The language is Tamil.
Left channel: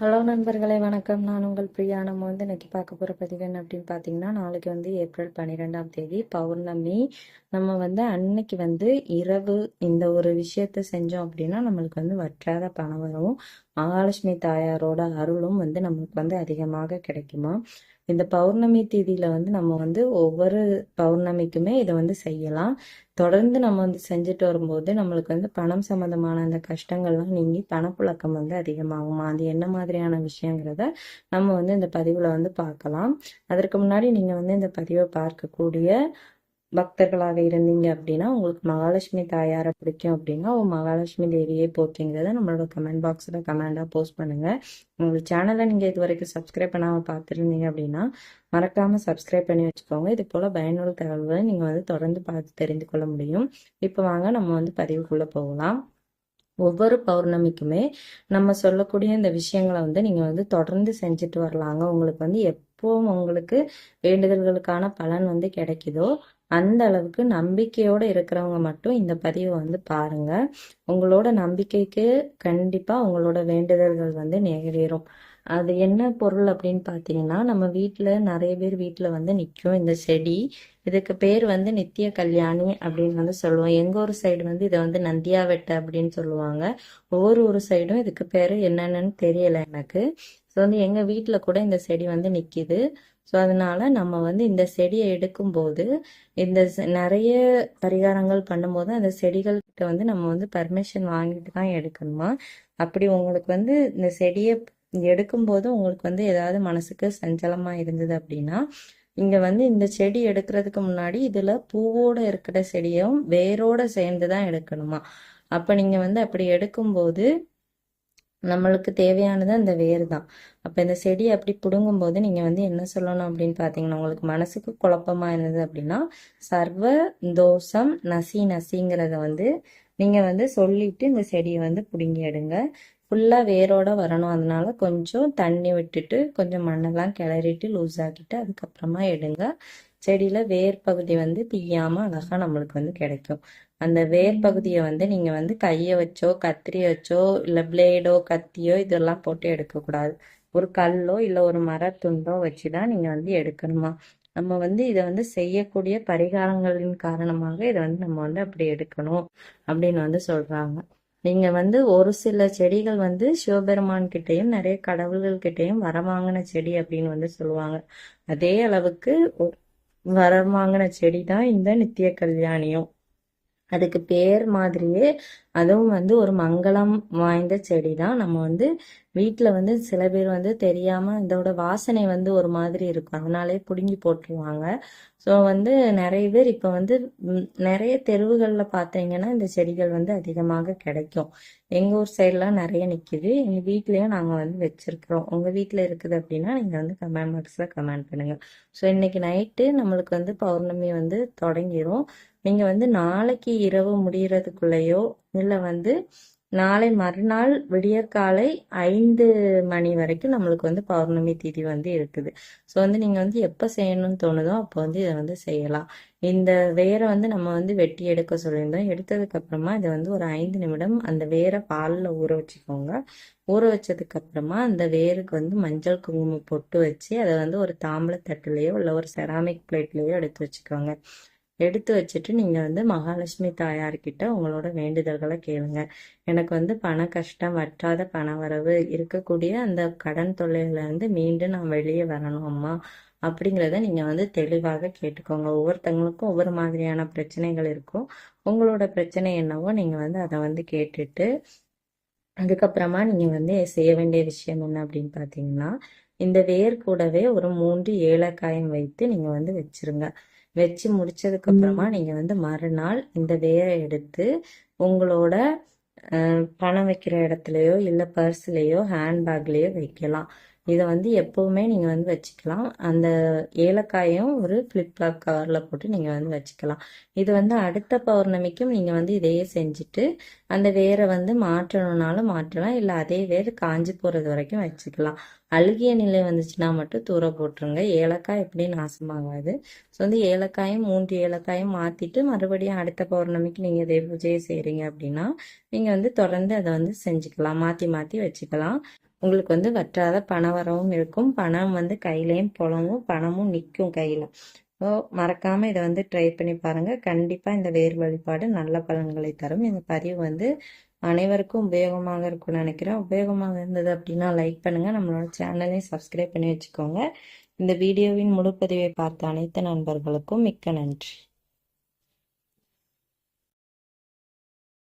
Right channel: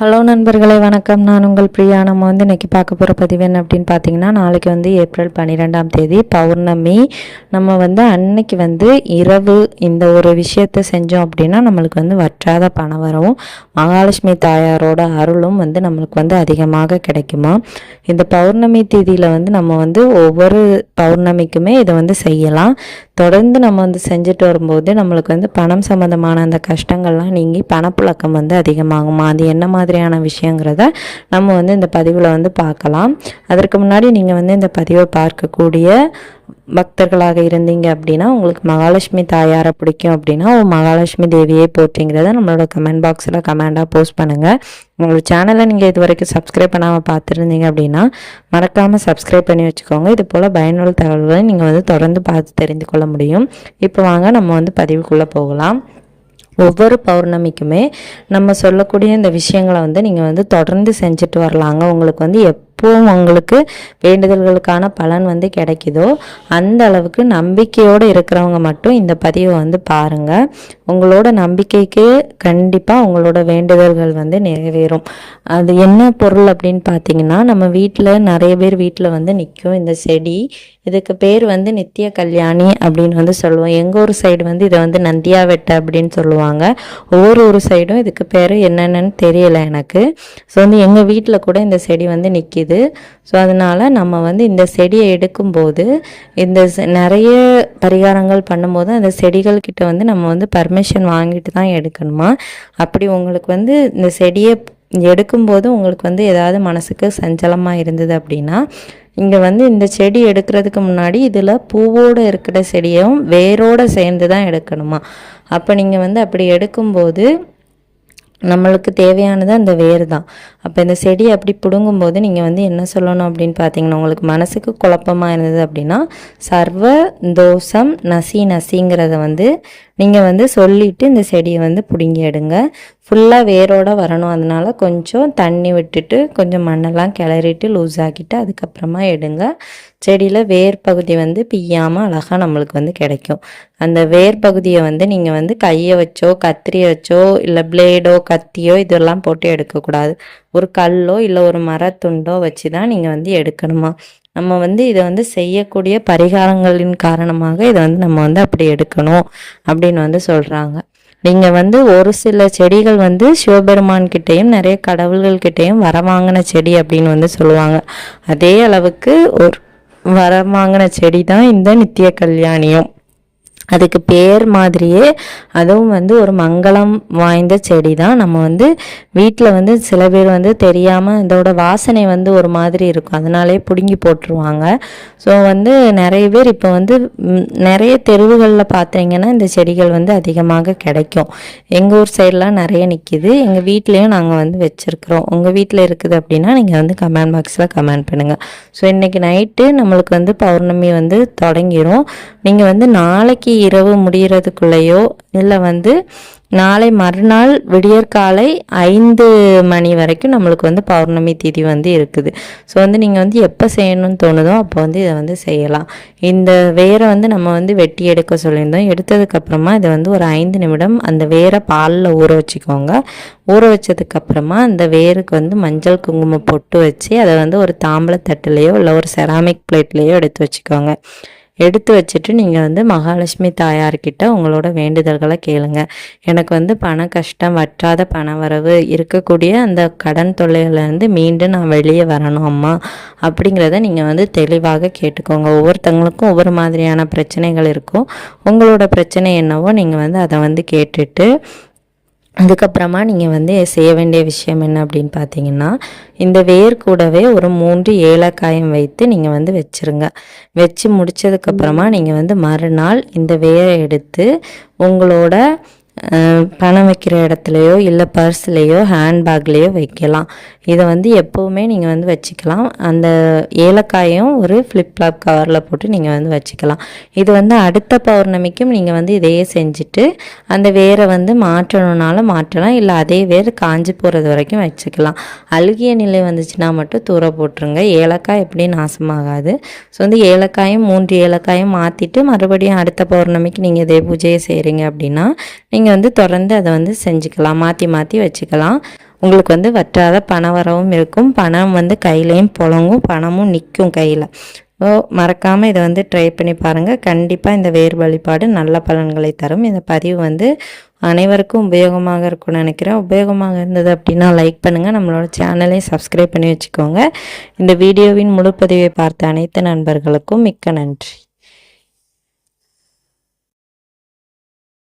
ஹலோ நண்பர்களே வணக்கம். நான் உங்கள் பிரியா. நம்ம இன்றைக்கி பார்க்க போகிற பதிவு என்ன அப்படின்னு பார்த்தீங்கன்னா, நாளைக்கு ஏப்ரல் 12ஆம் தேதி பௌர்ணமி. நம்ம அன்னைக்கு இரவு இந்த ஒரு விஷயத்தை செஞ்சோம் அப்படின்னா நம்மளுக்கு வற்றாத பணம் வரவும் மகாலட்சுமி தாயாரோட அருளும் நம்மளுக்கு அதிகமாக கிடைக்குமா. இந்த பௌர்ணமி தேதியில் நம்ம ஒவ்வொரு பௌர்ணமிக்குமே இதை செய்யலாம். தொடர்ந்து நம்ம செஞ்சுட்டு வரும்போது நம்மளுக்கு பணம் சம்மந்தமான அந்த கஷ்டங்கள்லாம் நீங்கி பணப்புழக்கம் அதிகமாகுமா. அது என்ன மாதிரியான விஷயங்கிறத நம்ம இந்த பதிவில் பார்க்கலாம். அதற்கு முன்னாடி நீங்கள் இந்த பதிவை பார்க்கக்கூடிய பக்தர்களாக இருந்தீங்க அப்படின்னா, உங்களுக்கு மகாலட்சுமி தாயாரை பிடிக்கும் அப்படின்னா மகாலட்சுமி தேவியை போற்றிங்கிறத நம்மளோட கமெண்ட் பாக்ஸில் கமெண்டாக போஸ்ட் பண்ணுங்கள். உங்களோட சேனலை நீங்கள் இது வரைக்கும் சப்ஸ்கிரைப் பண்ணாமல் பார்த்துருந்தீங்க அப்படின்னா மறக்காமல் சப்ஸ்கிரைப் பண்ணி வச்சுக்கோங்க. இது போல் பயனுள்ள தகவல்களை நீங்கள் தொடர்ந்து பார்த்து தெரிந்து கொள்ள முடியும். இப்போ வாங்க நம்ம பதிவுக்குள்ளே போகலாம். ஒவ்வொரு பௌர்ணமிக்குமே நம்ம சொல்லக்கூடிய இந்த விஷயங்களை நீங்கள் தொடர்ந்து செஞ்சுட்டு வரலாங்க. உங்களுக்கு எப்போவும் உங்களுக்கு வேண்டுதல்களுக்கான பலன் கிடைக்குதோ அந்த அளவுக்கு நம்பிக்கையோடு இருக்கிறவங்க மட்டும் இந்த பதிவை பாருங்கள். உங்களோட நம்பிக்கைக்கு கண்டிப்பாக உங்களோட வேண்டுதல்கள் நிறைவேறும். அது என்ன பொருள் அப்படின்னு பார்த்தீங்கன்னா, நம்ம வீட்டில் நிறைய பேர் வீட்டில் நிற்கும் இந்த செடி. இதுக்கு பேர் நித்திய கல்யாணி அப்படின்னு சொல்லுவோம். எங்கள் ஊர் சைடு இதை நந்தியா வெட்டை அப்படின்னு சொல்லுவாங்க. ஒவ்வொரு சைடும் இதுக்கு பேர் என்னென்னு தெரியலை எனக்கு. ஸோ எங்கள் வீட்டில் கூட இந்த செடி நிற்கிது. ஸோ அதனால் நம்ம இந்த செடியை எடுக்கும்போது இந்த நிறைய பரிகாரங்கள் பண்ணும்போது அந்த செடிகள்கிட்ட நம்ம பர்மிஷன் வாங்கிட்டு தான் எடுக்கணுமா. அப்படி உங்களுக்கு இந்த செடியை எடுக்கும்போது உங்களுக்கு ஏதாவது மனசுக்கு சஞ்சலமாக இருந்தது அப்படின்னா, இங்கே இந்த செடி எடுக்கிறதுக்கு முன்னாடி இதில் பூவோடு இருக்கிற செடியும் வேரோடு சேர்ந்து தான் எடுக்கணுமா. அப்போ நீங்கள் அப்படி எடுக்கும்போது நம்மளுக்கு தேவையானது அந்த வேர் தான். அப்போ இந்த செடியை அப்படி பிடுங்கும்போது நீங்கள் என்ன சொல்லணும் அப்படின்னு பார்த்தீங்கன்னா, உங்களுக்கு மனசுக்கு குழப்பமாக இருந்தது அப்படின்னா சர்வ தோஷம் நசிங்கிறத நீங்கள் சொல்லிவிட்டு இந்த செடியை பிடுங்கி எடுங்க. ஃபுல்லாக வேரோடு வரணும். அதனால் கொஞ்சம் தண்ணி விட்டுட்டு கொஞ்சம் மண்ணெல்லாம் கிளறிட்டு லூஸ் ஆக்கிட்டு அதுக்கப்புறமா எடுங்க. செடியில் வேர் பகுதி பிய்யாமல் அழகாக நம்மளுக்கு கிடைக்கும். அந்த வேர் பகுதியை நீங்கள் கையை வச்சோ கத்திரியை வச்சோ இல்லை பிளேடோ கத்தியோ இதெல்லாம் போட்டு எடுக்கக்கூடாது. ஒரு கல்லோ இல்லை ஒரு மரத்துண்டோ வச்சு தான் நீங்கள் எடுக்கணுமா. நம்ம இதை செய்யக்கூடிய பரிகாரங்களின் காரணமாக இதை நம்ம அப்படி எடுக்கணும் அப்படின்னு சொல்கிறாங்க. நீங்கள் ஒரு சில செடிகள் சிவபெருமான் கிட்டேயும் நிறைய கடவுள்கள் கிட்டேயும் வரவாங்கின செடி அப்படின்னு சொல்லுவாங்க. அதே அளவுக்கு ஒரு வரவாங்கின செடி தான் இந்த நித்திய கல்யாணியும். அதுக்கு பேர் மாதிரியே அதுவும் ஒரு மங்களம் வாய்ந்த செடி தான். நம்ம வீட்டில் சில பேர் தெரியாமல் இதோட வாசனை ஒரு மாதிரி இருக்கும், அதனாலே பிடுங்கி போட்டுருவாங்க. ஸோ நிறைய பேர் இப்போ நிறைய தெருவுகளில் பார்த்தீங்கன்னா இந்த செடிகள் அதிகமாக கிடைக்கும். எங்கள் ஊர் சைடெலாம் நிறைய நிற்கிது. எங்கள் வீட்லேயும் நாங்கள் வச்சுருக்குறோம். உங்கள் வீட்டில் இருக்குது அப்படின்னா நீங்கள் கமெண்ட் பாக்ஸில் கமெண்ட் பண்ணுங்கள். ஸோ இன்றைக்கி நைட்டு நம்மளுக்கு பௌர்ணமி தொடங்கிடும். நீங்கள் நாளைக்கு இரவு முடிகிறதுக்குள்ளேயோ இல்லை நாளை மறுநாள் விடியற்காலை 5 மணி வரைக்கும் நம்மளுக்கு பௌர்ணமி திதி இருக்குது. ஸோ நீங்கள் எப்போ செய்யணும்னு தோணுதோ அப்போ இதை செய்யலாம். இந்த வேரை நம்ம வெட்டி எடுக்க சொல்லியிருந்தோம். எடுத்ததுக்கப்புறமா இதை ஒரு 5 நிமிடம் அந்த வேரை பாலில் ஊற வச்சுக்கோங்க. ஊற வச்சதுக்கப்புறமா அந்த வேருக்கு மஞ்சள் குங்குமம் பொட்டு வச்சு அதை ஒரு தாம்பளை தட்டுலேயோ இல்லை ஒரு செராமிக் பிளேட்லேயோ எடுத்து வச்சுக்கோங்க. எடுத்து வச்சுட்டு நீங்கள் மகாலட்சுமி தாயார்கிட்ட உங்களோட வேண்டுதல்களை கேளுங்க. எனக்கு பண கஷ்டம், வற்றாத பண வரவு, இருக்கக்கூடிய அந்த கடன் தொல்லையிலேருந்து மீண்டும் நான் வெளியே வரணும் அம்மா அப்படிங்கிறத நீங்கள் தெளிவாக கேட்டுக்கோங்க. ஒவ்வொருத்தங்களுக்கும் ஒவ்வொரு மாதிரியான பிரச்சனைகள் இருக்கும். உங்களோட பிரச்சனை என்னவோ நீங்கள் அதை கேட்டுட்டு அதுக்கப்புறமா நீங்கள் செய்ய வேண்டிய விஷயம் என்ன அப்படின்னு பார்த்தீங்கன்னா, இந்த வேர் கூடவே ஒரு 3 ஏலக்காயம் வைத்து நீங்கள் வச்சுருங்க. வச்சு முடித்ததுக்கப்புறமா நீங்கள் மறுநாள் இந்த வேரை எடுத்து உங்களோட பணம் வைக்கிற இடத்துலையோ இல்லை பர்ஸ்லேயோ ஹேண்ட்பேக்லேயோ வைக்கலாம். இதை எப்போவுமே நீங்கள் வச்சுக்கலாம். அந்த ஏலக்காயும் ஒரு ஃப்ளிப்லாப் கவரில் போட்டு நீங்கள் வச்சுக்கலாம். இது அடுத்த பௌர்ணமிக்கும் நீங்கள் இதையே செஞ்சுட்டு அந்த வேரை மாற்றணுன்னாலும் மாற்றலாம், இல்லை அதே வேர் காஞ்சி போகிறது வரைக்கும் வச்சுக்கலாம். அழுகிய நிலை வந்துச்சுன்னா மட்டும் தூர போட்டுருங்க. ஏலக்காய் எப்படி நாசமாகாது. ஸோ ஏலக்காயும் 3 ஏலக்காயும் மாற்றிட்டு மறுபடியும் அடுத்த பௌர்ணமிக்கு நீங்கள் இதே பூஜையை செய்கிறீங்க அப்படின்னா நீங்கள் தொடர்ந்து அதை செஞ்சுக்கலாம். மாற்றி மாற்றி வச்சுக்கலாம். உங்களுக்கு வந்து வற்றாத பண வரவும் இருக்கும், பணம் வந்து கையிலையும் புழங்கும், பணமும் நிற்கும் கையில். மறக்காமல் இதை வந்து ட்ரை பண்ணி பாருங்கள். கண்டிப்பாக இந்த வேர் வழிபாடு நல்ல பலன்களை தரும். இந்த பதிவு வந்து அனைவருக்கும் உபயோகமாக இருக்கும்னு நினைக்கிறேன். உபயோகமாக இருந்தது அப்படின்னா லைக் பண்ணுங்கள், நம்மளோட சேனலையும் சப்ஸ்கிரைப் பண்ணி வச்சுக்கோங்க. இந்த வீடியோவின் முழு பதிவை பார்த்த அனைத்து நண்பர்களுக்கும் மிக்க நன்றி.